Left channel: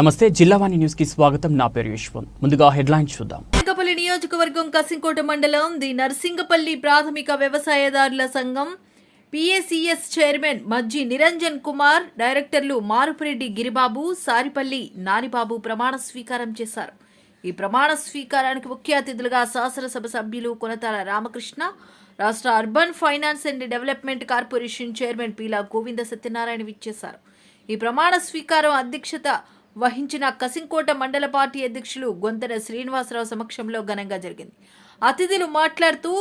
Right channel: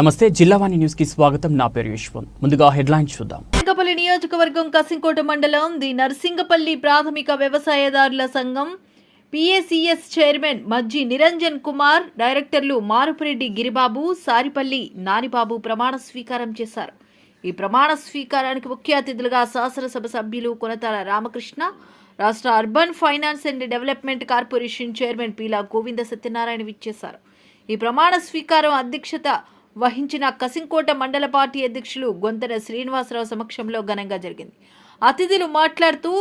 నమస్తే జిల్లావాణి న్యూస్కి స్వాగతం. నా పేరు యశ్వంత్. ముందుగా హెడ్లైన్ చూద్దాం. నరసింగపల్లి నియోజకవర్గం కసింకోట మండలం ది నర్సింగపల్లి ప్రాథమిక వ్యవసాయదారుల సంఘం పిఎసిఎస్ చైర్మన్ మజ్జి నిరంజన్ కుమార్ డైరెక్టర్లు మారుపురెడ్డి గిరిబాబు సారిపల్లి నానిబాబు ప్రమాణ స్వీకారం చేశారు. ఈ ప్రమాణ స్వీకారానికి ముఖ్య అతిథులుగా శాసనసభ సభ్యులు కొనతాల రామకృష్ణ రాష్ట్ర urban finance and development corporation chairman Peela Govinda Satyanarayana విచ్చేశారు. ఈ ప్రమాణ స్వీకారం అధ్యక్షత వహించిన కసింకోట మండల పార్టీ అధ్యక్షులు గొంతెన శ్రీనివాసరావు సమక్షంలో ఘనంగా జరిగింది. అతిథులు మాట్లాడుతూ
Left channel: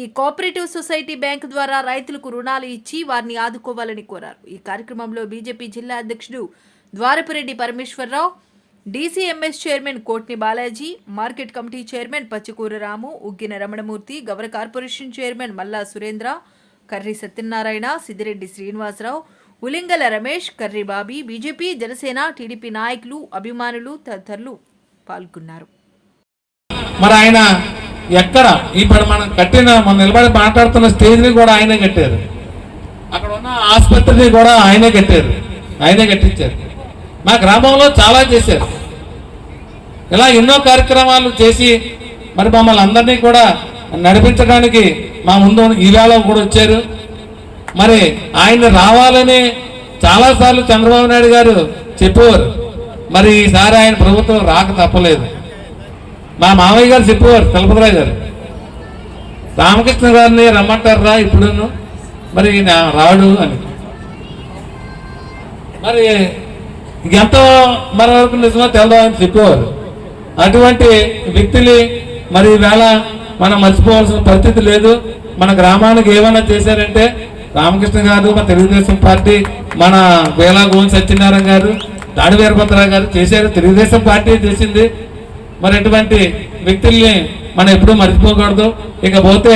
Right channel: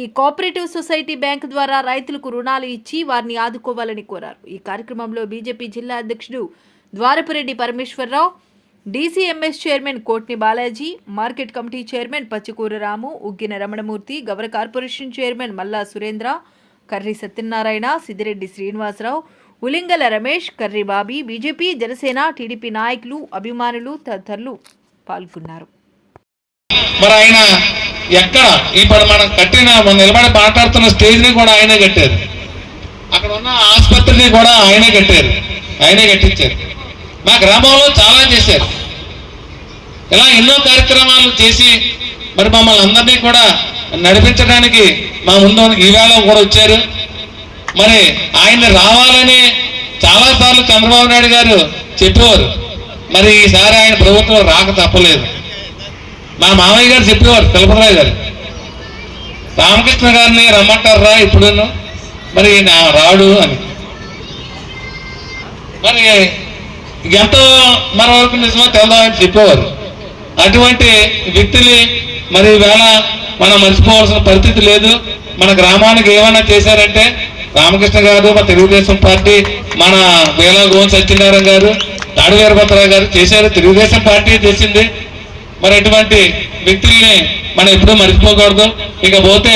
ఈ కోఆపరేటివ్ సొసైటీ బ్యాంకు ద్వారా రైతులకు రుణాలు ఇచ్చి వారిని ఆదుకోవాలని కోరారు. ఈ కార్యక్రమంలో బీజేపీ జిల్లా అధ్యక్షుడు Dwarapureddy Parameswararao DCMS chairman Kotni Balaji market committee chairman Pachikura Ramu Uggina Ramanamurthy Gavara corporation chairman Malla Surendra Karri Satyanarayana Siddireddy Srinivasarao Ulingala Ramesh Karri BJP Janasena TDP నాయకులు అభిమానులు తదితరులు పాల్గొన్నారు. మరి ఆయన ఎక్కడ ఇప్పుడు మనం కట్టిన మనం నిలబడి మాట్లాడుతున్న స్టేజ్ని కూడా ఆయనే కట్టారు. అక్కడ ఉన్న ఆసుపత్రిని కూడా ఆయనే కట్టారు. ఆయనే కట్టించారు. మా గ్రామంలో చాలా చేశారు. ఇలా ఎన్నో కార్యక్రమాలు చేసి మరి మమ్మల్ని అందరినీ కూడా నడిపించడానికి మా ముందు ఈవేళ కూడా వచ్చారు. మరి ఆయన రావాలని చాలాసార్లు చంద్రబాబు నాయుడు గారు చెప్పేవారు. మరి ఈసారి ఆయన ప్రభుత్వం రాక తప్పలేదు. మా మామయ్య గారు చెప్పేవారు తిరుపతిరావు గారు. రామకృష్ణ గారిని రమ్మంటారా ఇప్పుడు మరి నా రాడు అని. మరి ఎంతో మన వరకు నిజమో తెలదో చెప్పేవారు. అటువంటి వ్యక్తులు మరి వేళ మనం మర్చిపోవాల్సిన పరిస్థితి లేదు. మన గ్రామానికి ఏమైనా చేశారంటే రామకృష్ణ గారు మన తెలుగుదేశం పార్టీ మన వేలా గోవన్ సత్యనారాయణ గారు తాడి వీరభద్రరావు గారు చేశారు. తెలుగుదేశం పార్టీ చేసింది. మరి అటువంటి వ్యక్తుల్ని మనం ఎప్పుడూ మర్చిపోకూడదు. ఇకపోతే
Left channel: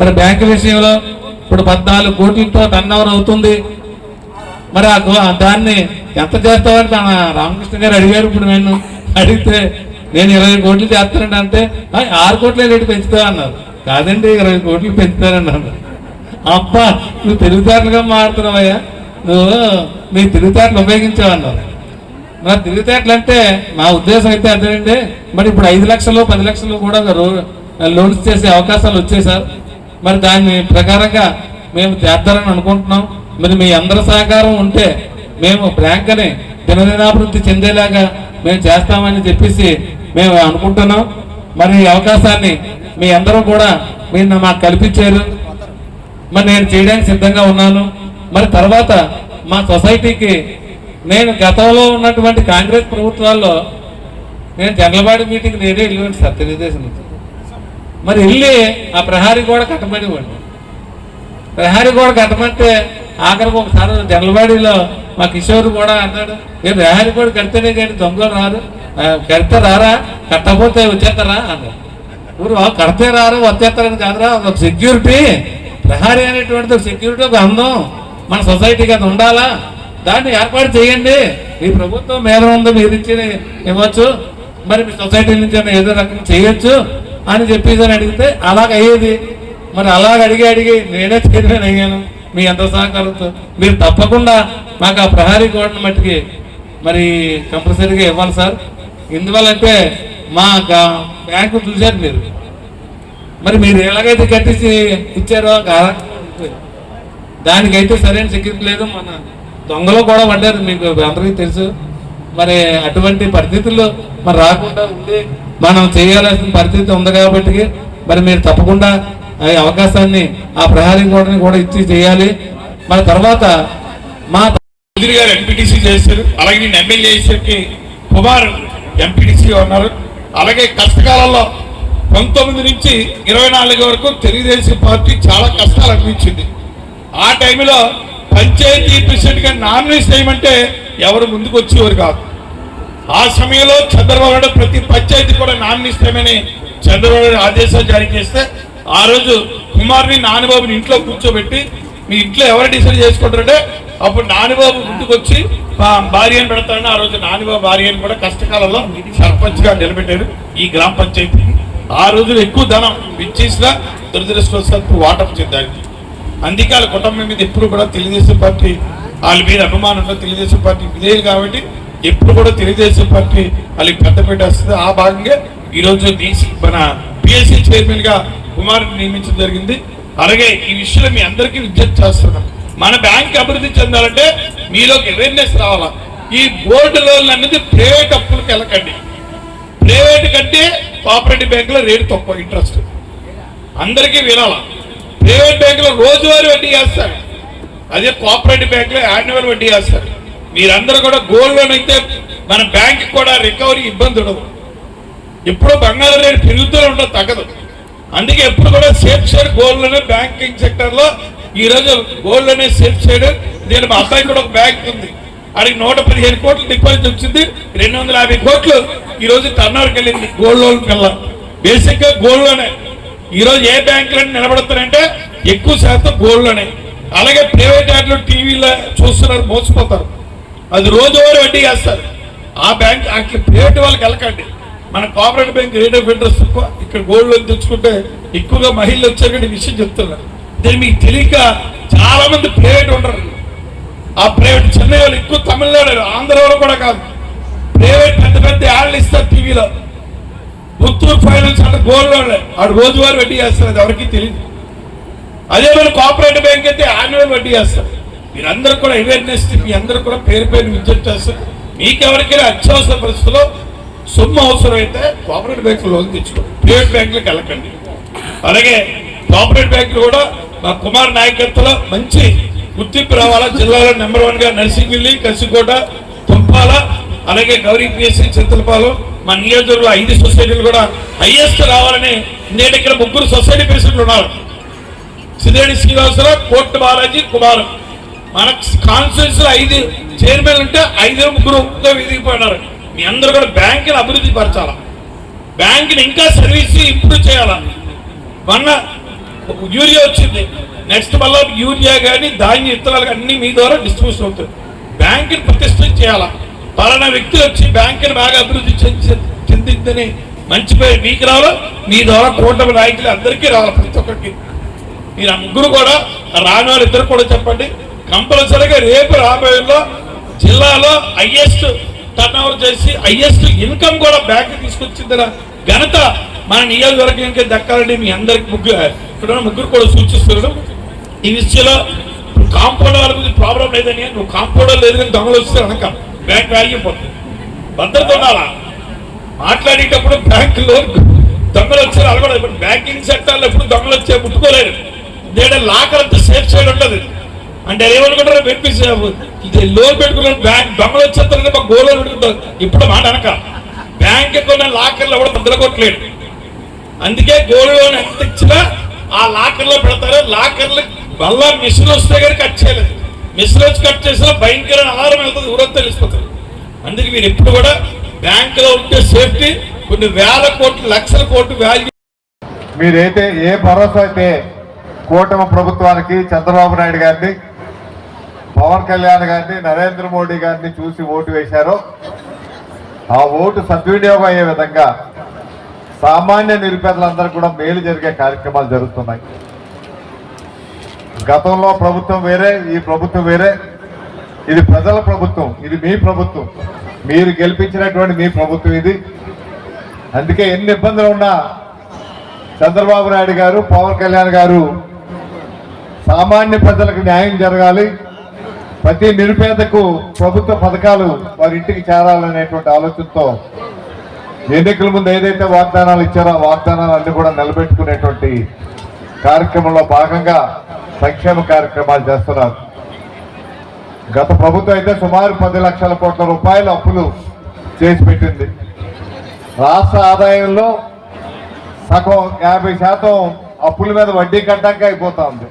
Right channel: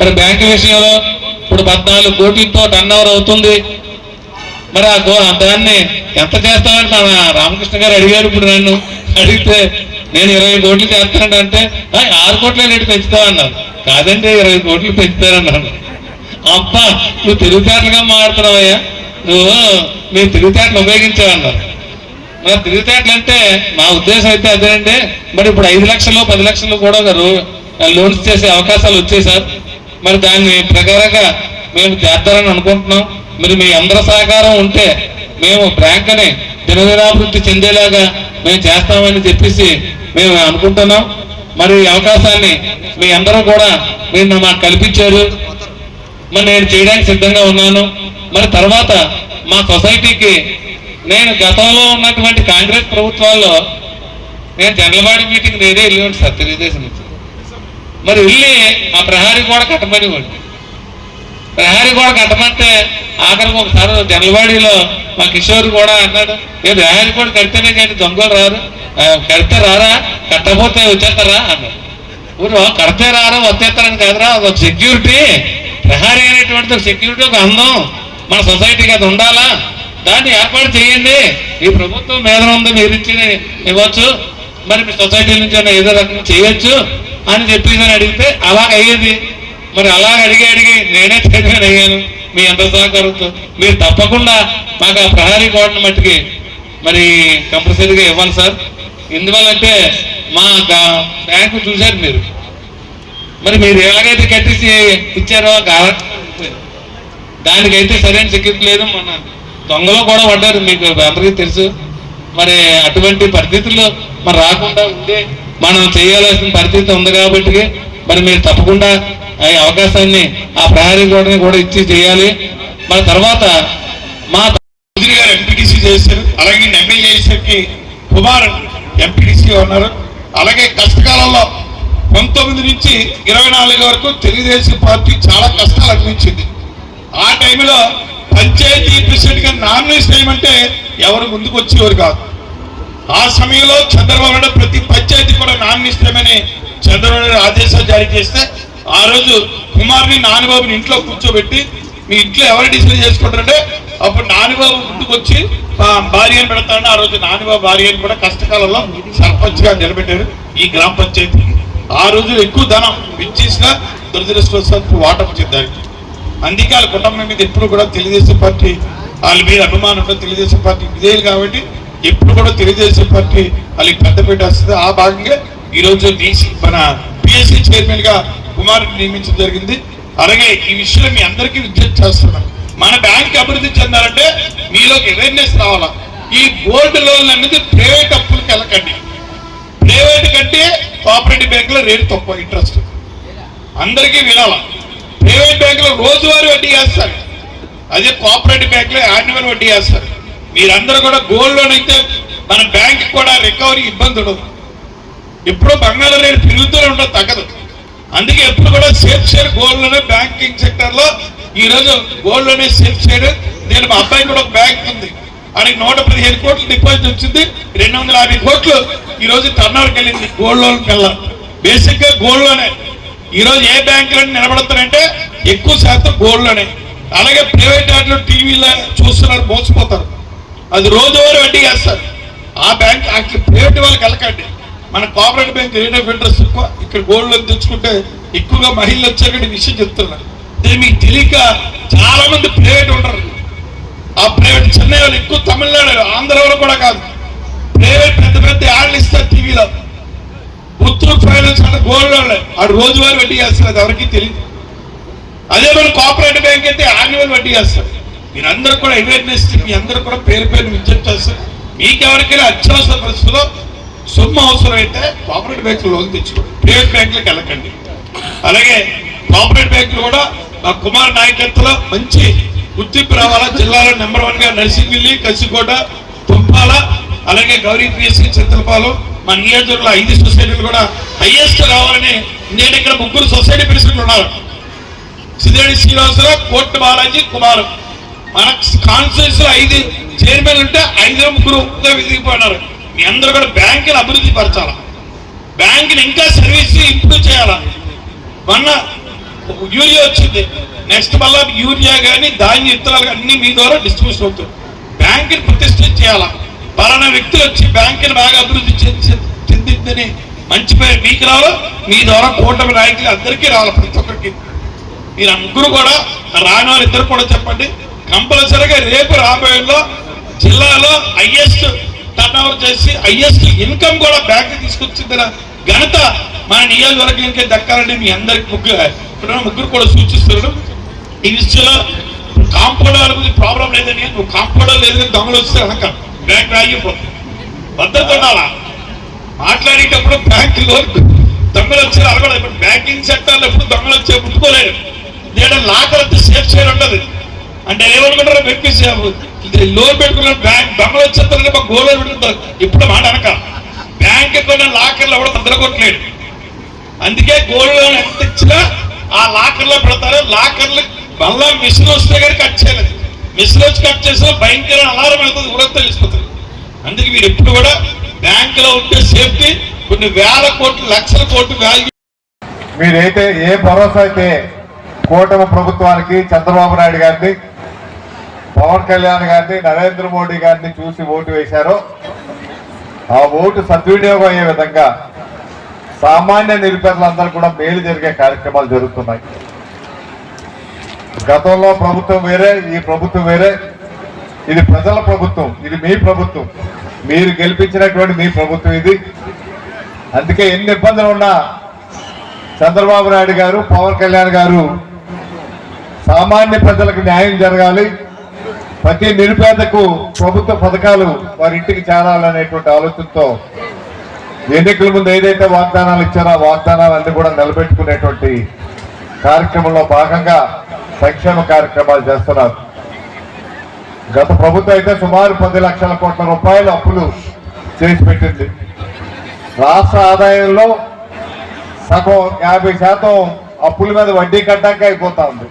మరి బ్యాంకు విషయంలో ఇప్పుడు పద్నాలుగు కోట్లతో టర్న్ అవుతుంది. మరి ఆ గో- దాన్ని ఎంత చేస్తామంటే రామకృష్ణ గారు అడిగారు ఇప్పుడు నన్ను. అడిగితే నేను ఇరవై కోట్లు చేస్తానంటే అంటే ఆరు కోట్ల రేటు పెంచుతా అన్నారు కాదంటే ఇరవై కోట్లు పెంచుతారన్నాను అబ్బా నువ్వు తెలివితేటలుగా మాడుతున్నావయ్యా నువ్వు మీ తెలివితేటలు ఉపయోగించావన్నారు మరి తెలివితేటలు అంటే నా ఉద్దేశం అయితే అదేనండి. మరి ఇప్పుడు ఐదు లక్షలు పది లక్షలు కూడా లోన్స్ చేసే అవకాశాలు వచ్చాయి సార్. మరి దాని ప్రకారంగా మేము చేద్దామని అనుకుంటున్నాం. మరి మీ అందరి సహకారం ఉంటే మేము బ్యాంకుని దినదినాభివృద్ధి చెందేలాగా మేము చేస్తామని చెప్పేసి మేము అనుకుంటున్నాం. మరి ఈ అవకాశాన్ని మీ అందరూ కూడా మీరు మాకు కల్పించారు. మరి నేను చేయడానికి సిద్ధంగా ఉన్నాను. మరి తర్వాత మా సొసైటీకి నేను గతంలో ఉన్నటువంటి కాంగ్రెస్ ప్రభుత్వాల్లో నేను జనరల్వాడి మీటింగ్ నేనే వెళ్ళి సార్ తెలుగుదేశం నుంచి. మరి వెళ్ళి ఆ ప్రహారీ గోడ కట్టమనివ్వండి. ప్రహారీ గోడ కట్టమంటే ఆఖరికి ఒకసారి జనలవాడిలో మా కిషోర్ కూడా అన్నాడు నేను ప్రహారీ గోడ కడితేనే కానీ దొంగలు రారు? కడితే రారా? కట్టకపోతే వచ్చేస్తారా? అన్నాడు. ఊరు కడితే రారా వచ్చేస్తారని కాదురా ఒక సెక్యూరిటీ ప్రహారీ అనేటువంటిది సెక్యూరిటీ ఒక అందం మన సొసైటీకి అది ఉండాలా? దాన్ని ఏర్పాటు చేయండి. ఈ ప్రభుత్వం మీద ఉంది మీరు ఇచ్చి ఇవ్వచ్చు. మరి మీ సొసైటీ నుంచి ఏదో రకంగా చేయొచ్చు అని చెప్పేసి అని అడిగితే అలాగ అయ్యేది మరి అలాగ అడిగి అడిగి నేనే చైర్మన్ అయ్యాను. మీ ఎంత సహకారంతో. మీరు తప్పకుండా నాకు ఆ ప్రహారీ కోటను మట్టికి మరి కంపల్సరీగా ఇవ్వాలి సార్. ఎందువల్లంటే మా బ్యాంకు చూశారు మీరు. మరి మీరు ఎలాగైతే కట్టేసి ఇచ్చారో గా- దానికైతే సరైన సెక్యూరిటీ లేదు. మన దొంగలో కూడా పడ్డారు మీకు అందరికీ తెలుసు. మరి అటువంటి పరిస్థితుల్లో మరి రాకుండా ఉండి మనం చేయాల్సిన పరిస్థితి ఉంది కాబట్టి మరి మీరు తప్పకుండా ఆ అవకాశాన్ని ఆ ప్రహరీ గోడని కూడా ఇచ్చి చేయాలి. మరి తర్వాత మా మంత్రి గారు ఎంపీటీసీ చేశారు. అలాగే నేను ఎమ్మెల్యే కుమార్ ఎంపీటీసీగా ఉన్నారు. అలాగే కష్టకాలంలో పంతొమ్మిది నుంచి ఇరవై నాలుగు వరకు తెలుగుదేశం పార్టీ చాలా కష్టాలు అనిపించింది. ఆ టైంలో పంచాయతీ ప్రెసిడెంట్గా నామినేట్ చేయమంటే ఎవరు ముందుకు వచ్చేవారు కాదు. ఆ సమయంలో చంద్రబాబు నాయుడు ప్రతి పంచాయతీ కూడా నామినేట్ చంద్రబాబు నాయుడు ఆదేశాలు జారీ చేస్తే ఆ రోజు కుమార్ని నానిబాబుని ఇంట్లో కూర్చోబెట్టి మీ ఇంట్లో ఎవరు డిసైడ్ చేసుకుంటారంటే అప్పుడు నానిబాబు ముందుకు వచ్చి మా భార్యను పెడతాడు. ఆ రోజు నానిబాబు భార్యను కూడా కష్టకాలంలో సర్పంచ్గా నిలబెట్టారు ఈ గ్రామ పంచాయతీకి. ఆ రోజులు ఎక్కువ ధనం విచ్చేసిన దురదృష్టవశాత్తు వాటం చెందారు అందుకే వాళ్ళ కుటుంబం మీద ఎప్పుడు కూడా తెలుగుదేశం పార్టీ వాళ్ళ మీద అభిమానం ఉన్న తెలుగుదేశం పార్టీ విధేయులు కాబట్టి ఎప్పుడు కూడా తెలుగుదేశం పార్టీ వాళ్ళకి పెద్దపీట వస్తుంది. ఆ భాగంగా ఈరోజు డీసీ మన పిఎస్సీ చైర్మన్గా కుమార్ నియమించడం జరిగింది. అలాగే ఈ విషయంలో మీ అందరికీ విజ్ఞప్తి చేస్తున్నాం మన బ్యాంక్ అభివృద్ధి చెందాలంటే మీలోకి అవేర్నెస్ రావాలా? ఈ గోల్డ్ లోన్ అనేది ప్రైవేట్ అప్పులకు వెళ్ళకండి. ప్రైవేట్ కంటే కోఆపరేటివ్ బ్యాంకులో రేటు తక్కువ ఇంట్రెస్ట్ అందరికీ వినాల? ప్రైవేట్ బ్యాంకులో రోజువారీ వడ్డీ వేస్తారు అదే కోఆపరేటివ్ బ్యాంకులో యాన్యువల్ వడ్డీ వేస్తారు మీరందరూ కూడా గోల్డ్ లోన్ అయితే మన బ్యాంక్ కూడా రికవరీ ఇబ్బంది ఉండదు. ఎప్పుడో బంగారం రేటు పెరుగుతూనే ఉండదు తగ్గదు. అందుకే ఎప్పుడు కూడా సేఫ్ షేర్ గోల్డ్లోనే బ్యాంకింగ్ సెక్టర్లో ఈ రోజు గోల్డ్లోనే సేఫ్ చేయడం నేను మా అబ్బాయి కూడా ఒక బ్యాంక్ ఉంది. అడిగి నూట పదిహేను కోట్లు డిపాజిట్ వచ్చింది. రెండు వందల యాభై కోట్లు ఈ రోజు వెళ్ళింది గోల్డ్ లోన్ కల్లా బేసిక్గా గోల్డ్లోనే. ఈ రోజు ఏ బ్యాంకులన్నీ నిలబడతారంటే ఎక్కువ శాతం గోల్డ్లోనే. అలాగే ప్రైవేట్ యాడ్లు టీవీలో చూస్తున్నారు మోసపోతారు. అది రోజువారీ వడ్డీ వేస్తారు ఆ బ్యాంక్ అక్కడ ప్రైవేట్ వాళ్ళకి వెళ్ళకండి. మన cooperative bank rate of interest ఎక్కువ. ఇక్కడ గోల్డ్ లోన్ తెచ్చుకుంటే ఎక్కువగా మహిళలు వచ్చారని విషయం చెప్తున్నారు దీన్ని మీకు తెలియక చాలా మంది ప్రైవేట్ ఉండరు. ఆ ప్రైవేట్ చెన్నై వాళ్ళు ఎక్కువ తమిళనాడు ఆంధ్రలో కూడా కాదు. ప్రైవేట్ పెద్ద పెద్ద యాడ్లు ఇస్తారు టీవీలో. పుత్తూరు ఫైనాన్స్ అంటే గోల్డ్ లోన్ ఆడు రోజువారీ వడ్డీ చేస్తారు అది ఎవరికి తెలియదు అదే మన కోఆపరేటివ్ బ్యాంక్ అయితే యాన్యువల్ వడ్డీ చేస్తారు. మీరందరూ కూడా అవేర్నెస్ మీ అందరూ కూడా పేరు పేరు విజ్ఞప్తి చేస్తారు. మీకెవరికైనా అత్యవసర పరిస్థితుల్లో సొమ్ము అవసరం అయితే కోఆపరేటివ్ బ్యాంకులు లోన్ తెచ్చుకోండి. ప్రైవేట్ బ్యాంకులకు వెళ్ళకండి. అలాగే కోఆపరేటివ్ బ్యాంకులు కూడా మా కుమార్ నాయకత్వంలో మంచి గుర్తింపు రావాలా జిల్లాలో నెంబర్ వన్గా నర్సింగిల్లి కసికోట తుంపాల అలాగే గౌరీ పిఎస్సీ చింతలపాలెం మన నియోజకవర్గంలో ఐదు సొసైటీలు కూడా హైయెస్ట్ రావాలని నేను ఇక్కడ ముగ్గురు సొసైటీ ప్రెసిడెంట్లు ఉన్నారు. సిద్ధేడి శ్రీనివాసరావు కోర్టు బాలాజీ కుమార్. మన కాన్స్టిట్యూన్స్లో ఐదు చైర్మన్ ఉంటే ఐదు ముగ్గురు విదిగిపోయినారు మీ అందరూ కూడా బ్యాంకుని అభివృద్ధి పరచాలా? బ్యాంకుని ఇంకా సర్వీస్ ఇంప్రూవ్ చేయాలా? మొన్న యూరియా వచ్చింది. నెక్స్ట్ మళ్ళా యూరియా కానీ ధాన్య విత్తనాలు కానీ అన్ని మీ ద్వారా డిస్ట్రిబ్యూషన్ అవుతాయి. బ్యాంకుని ప్రతిష్టం చేయాలా? పలానా వ్యక్తులు వచ్చి బ్యాంకుని బాగా అభివృద్ధి చెంది- చెందిందని మంచి పేరు మీకు రావాలో? మీ ద్వారా కూటమి నాయకులు అందరికీ రావాలి ప్రతి ఒక్కరికి? మీరు అందరూ ముగ్గురు కూడా రాని వాళ్ళు ఇద్దరు కూడా చెప్పండి. కంపల్సరీగా రేపు రాబోయేలో జిల్లాలో హైయెస్ట్ టర్న్ ఓవర్ చేసి హైయెస్ట్ ఇన్కమ్ కూడా బ్యాంక్ తీసుకొచ్చిందిన ఘనత మన నియోజకవర్గానికి దక్కాలని మీ అందరికి ముగ్గురు ఇక్కడ ముగ్గురు కూడా సూచిస్తున్నాడు ఈ విషయంలో కాంపౌండ్ గురించి ప్రాబ్లం లేదని నువ్వు కాంపౌండ్ లేదని దొంగలు వస్తే కనుక బ్యాంక్ రాగిపోతుంది భద్రత ఉండాలా? మాట్లాడేటప్పుడు బ్యాంకులో దొంగలు వచ్చారు అలవాడు ఇప్పుడు బ్యాంకింగ్ సెక్టర్లో ఎప్పుడు దొంగలు వచ్చే ముట్టుకోలేరు. లేదా లాకర్ అంతా సేఫ్ సైడ్ ఉండదు అంటే ఏమనుకుంటారో పెట్టి ఇది లోన్ పెట్టుకున్న బ్యాంక్ దొంగలు వచ్చేస్తారని మాకు గోలో పెట్టుకుంటారు. ఇప్పుడు మాట అనక. బ్యాంక్ కొన్న లాకర్లు ఎవడో కొట్టలేడు అందుకే గోల్డ్ లోన్ ఎంత ఇచ్చినా ఆ లాకర్లో పెడతారు లాకర్లు మళ్ళా మిషన్ వస్తే కానీ కట్ చేయలేదు. మిషన్ వచ్చి కట్ చేసినా భయంకర ఆహారం వెళ్తుంది కూడా తెలిసిపోతుంది. అందుకే మీరు ఎప్పుడు కూడా బ్యాంకులో ఉంటే సేఫ్టీ కొన్ని వేల కోట్లు లక్షల కోట్లు వాల్యూ మీరైతే ఏ భరోసా అయితే కూటమి ప్రభుత్వానికి చంద్రబాబు నాయుడు గారిని పవన్ కళ్యాణ్ గారిని నరేంద్ర మోడీ గారిని చూసి ఓటు వేశారో ఆ ఓటు సద్వినియోగం అయ్యే విధంగా సామాన్య నిరుపేదలందరూ కూడా మేలు జరిగే కార్యక్రమాలు జరుగుతున్నాయి. గతంలో ప్రభుత్వం వేరే ఈ ప్రభుత్వం వేరే. ఇది ప్రజల ప్రభుత్వం ఇది మీ ప్రభుత్వం. మీరు గెలిపించినటువంటి మీ ప్రభుత్వం ఇది. అందుకే ఎన్ని ఇబ్బందులు ఉన్నా చంద్రబాబు నాయుడు గారు పవన్ కళ్యాణ్ గారు సామాన్య ప్రజలకు న్యాయం జరగాలి. ప్రతి నిరుపేదకు ప్రభుత్వ పథకాలు వారి ఇంటికి చేరాలనేటువంటి ఆలోచనతో ఎన్నికల ముందు ఏదైతే వాగ్దానాలు ఇచ్చారో ఆ వాగ్దానాలన్నీ కూడా నిలబెట్టుకునేటువంటి కార్యక్రమంలో భాగంగా సంక్షేమ కార్యక్రమాలు చేస్తున్నారు. గత ప్రభుత్వం అయితే సుమారు పది లక్షల కోట్ల రూపాయలు అప్పులు చేసి పెట్టింది. రాష్ట్ర ఆదాయంలో సగం యాభై శాతం అప్పుల మీద వడ్డీ కట్టాక అయిపోతా ఉంది.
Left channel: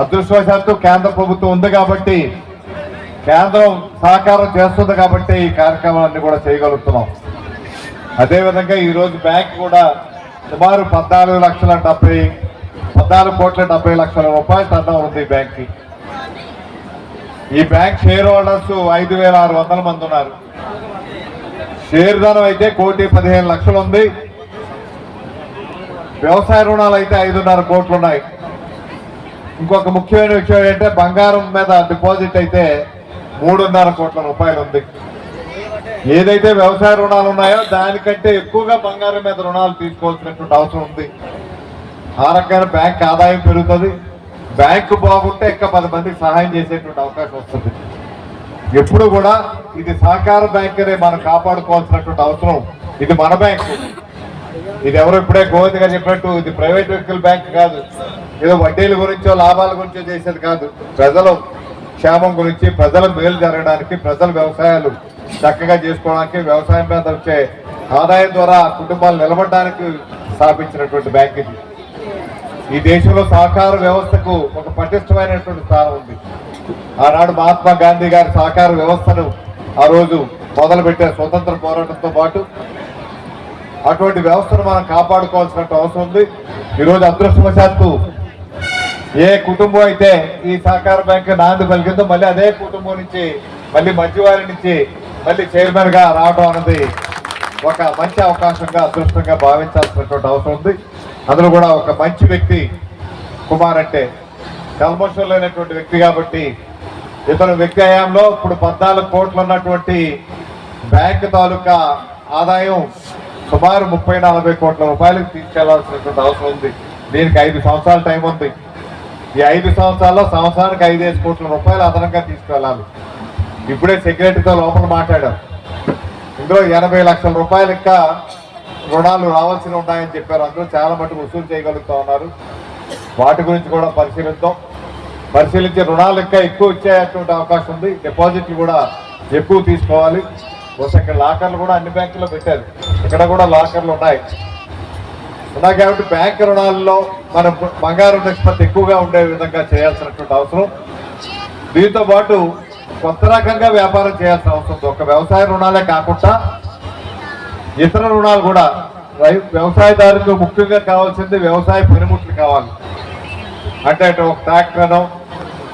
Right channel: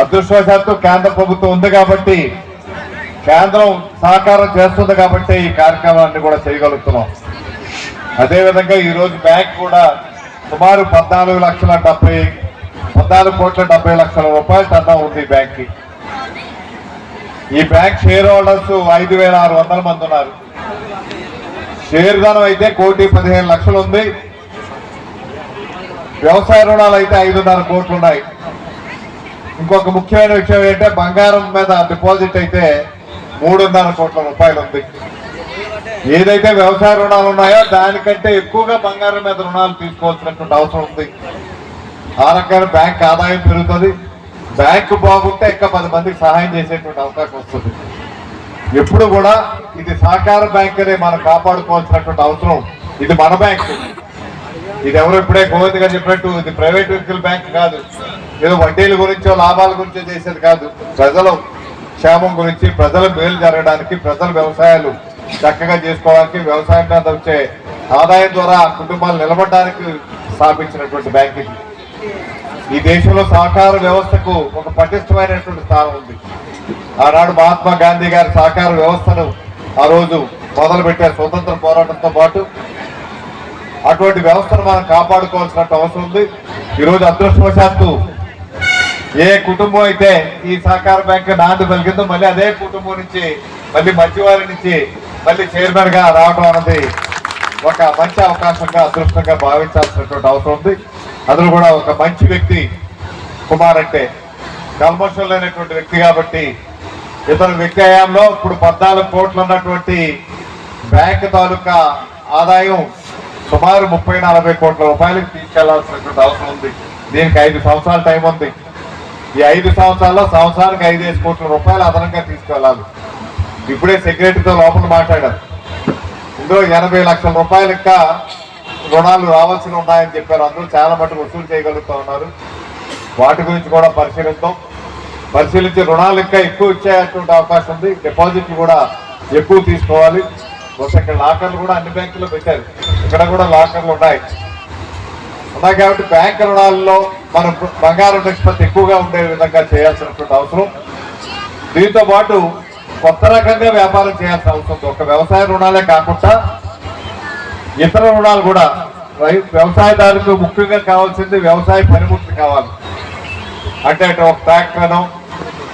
అదృష్టవశాత్తు కేంద్ర ప్రభుత్వం ఉంది కాబట్టి కేంద్రం సహకారం చేస్తుంది కాబట్టి ఈ కార్యక్రమాన్ని కూడా చేయగలుగుతున్నాం. అదేవిధంగా ఈరోజు బ్యాంక్ కూడా సుమారు పద్నాలుగు లక్షల డెబ్బై పద్నాలుగు కోట్ల డెబ్బై లక్షల రూపాయలు టర్న్ ఉంది ఈ బ్యాంక్కి. ఈ బ్యాంక్ షేర్ హోల్డర్స్ ఐదు వేల ఆరు వందల మంది ఉన్నారు. షేర్ ధనం అయితే కోటి పదిహేను లక్షలు ఉంది. వ్యవసాయ రుణాలు అయితే ఐదున్నర కోట్లు ఉన్నాయి. ఇంకొక ముఖ్యమైన విషయం ఏంటంటే బంగారం మీద డిపాజిట్ అయితే మూడున్నర కోట్ల రూపాయలు ఉంది. ఏదైతే వ్యవసాయ రుణాలు ఉన్నాయో దానికంటే ఎక్కువగా బంగారం మీద రుణాలు తీసుకోవాల్సినటువంటి అవసరం ఉంది. ఆ రకంగా బ్యాంక్ ఆదాయం పెరుగుతుంది. బ్యాంకు బాగుంటే ఇంకా పది మందికి సహాయం చేసేటువంటి అవకాశం వస్తుంది. ఎప్పుడు కూడా ఇది సహకార బ్యాంక్ అనే మనం కాపాడుకోవాల్సినటువంటి అవసరం. ఇది మన బ్యాంక్. ఇది ఎవరు ఇప్పుడే గోవింద్ గారు చెప్పినట్టు ఇది ప్రైవేట్ వ్యక్తుల బ్యాంక్ కాదు. ఏదో వడ్డీల గురించో లాభాల గురించో చేసేది కాదు. ప్రజలు క్షేమం గురించి ప్రజల మేలు జరగడానికి ప్రజల వ్యవసాయాలు చక్కగా చేసుకోవడానికి వ్యవసాయం మీద వచ్చే ఆదాయం ద్వారా కుటుంబాలు నిలబడడానికి స్థాపించినటువంటి బ్యాంక్ ఇది. ఈ దేశంలో సహకార వ్యవస్థకు ఒక పటిష్టమైనటువంటి స్థానం ఉంది. ఆనాడు మహాత్మా గాంధీ గారి సహకార వ్యవస్థను ఆ రోజు మొదలుపెట్టారు స్వతంత్ర పోరాటంతో పాటు. అటువంటి వ్యవస్థను మనం కాపాడుకోవాల్సిన అవసరం ఉంది. ఈరోజు అదృష్టవశాత్తు ఏ కుటుంబం అయితే ఈ సహకార బ్యాంక్ నాంది పలికిందో మళ్ళీ అదే కుటుంబం నుంచి మళ్ళీ మధ్యవారి నుంచి మళ్ళీ చైర్మన్గా రావడం అన్నది ఒక మంచి అవకాశంగా అదృష్టంగా భావించాల్సినటువంటి అవసరం ఉంది. అందులో కూడా ఒక మంచి వ్యక్తి కుమార్ అంటే. కల్మషం లేనటువంటి వ్యక్తి కాబట్టి ఇతను వ్యక్తి హయాంలో ఇప్పుడు పద్నాలుగు కోట్లు ఉన్నటువంటి బ్యాంక్ తాలూకా ఆదాయం సుమారు ముప్పై నలభై కోట్ల రూపాయలకు తీసుకెళ్ళాల్సినటువంటి అవసరం ఉంది. దీనికి ఐదు సంవత్సరాల టైం ఉంది. ఈ ఐదు సంవత్సరాల్లో సంవత్సరానికి ఐదేసి కోట్ల రూపాయలు అదనంగా తీసుకెళ్ళాలి ఇప్పుడే సెక్రటరీతో లోపల మాట్లాడారు. ఇందులో ఎనభై లక్షల రూపాయలు ఇంకా రుణాలు రావాల్సి ఉన్నాయని చెప్పారు. అందరూ చాలా మటుకు వసూలు చేయగలుగుతా ఉన్నారు. వాటి గురించి కూడా పరిశీలిద్దాం. పరిశీలించి రుణాలు ఇంకా ఎక్కువ ఇచ్చేటువంటి అవకాశం ఉంది. డిపాజిట్లు కూడా ఎక్కువ తీసుకోవాలి. బహుశా ఇక్కడ లాకర్లు కూడా అన్ని బ్యాంకుల్లో పెట్టారు. ఇక్కడ కూడా లాకర్లు ఉన్నాయి. ఉన్నాయి కాబట్టి బ్యాంక్ రుణాల్లో మనం బంగారం నిష్పత్తి ఎక్కువగా ఉండే విధంగా చేయాల్సినటువంటి అవసరం. దీంతో పాటు కొత్త రకంగా వ్యాపారం చేయాల్సిన అవసరం ఉంది. ఒక వ్యవసాయ రుణాలే కాకుండా ఇతర రుణాలు కూడా రై- వ్యవసాయదారులకు ముఖ్యంగా కావాల్సింది వ్యవసాయ పనిముట్లు కావాలి. అంటే ఒక ట్రాక్టర్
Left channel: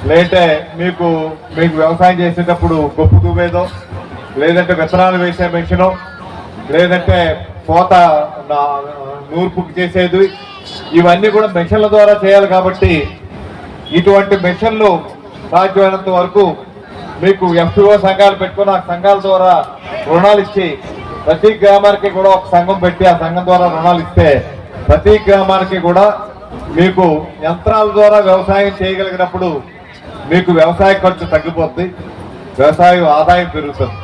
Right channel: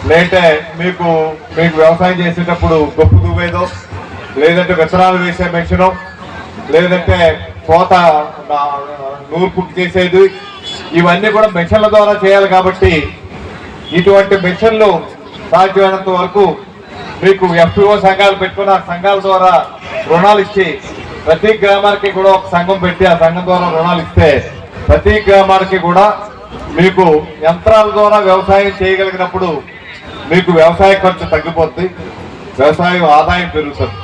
లేదంటే మీకు మీకు వ్యవసాయం చేసేటప్పుడు గొప్ప దువ్వేదో లేదంటే విత్తనాలు వేసే మెషినో లేదంటే కోత నా- నూర్పుకి చేసేది ఇవన్నీ కూడా మెషిన్ల ద్వారా చేయాలి కాబట్టి ఇటువంటి మెషిన్లు సాధ్యమైనంత వరకు మీకు ఎఫ్పిఓ సంఘాలు పెట్టుకుని ఆ సంఘాల ద్వారా రుణాలు ఇచ్చి ప్రతి గ్రామానికి కూడా ఒక సంఘం పెట్టి ఆ సంఘం ద్వారా రుణాలు ఇస్తే ప్రతి గ్రామానికి కూడా మీకు యంత్రాల ద్వారా వ్యవసాయం చేయగలిగినప్పుడు మీకు వ్యవసాయ ఖర్చు తగ్గిపోతుంది వ్యవసాయం ఆదాయం పెరుగుతుంది.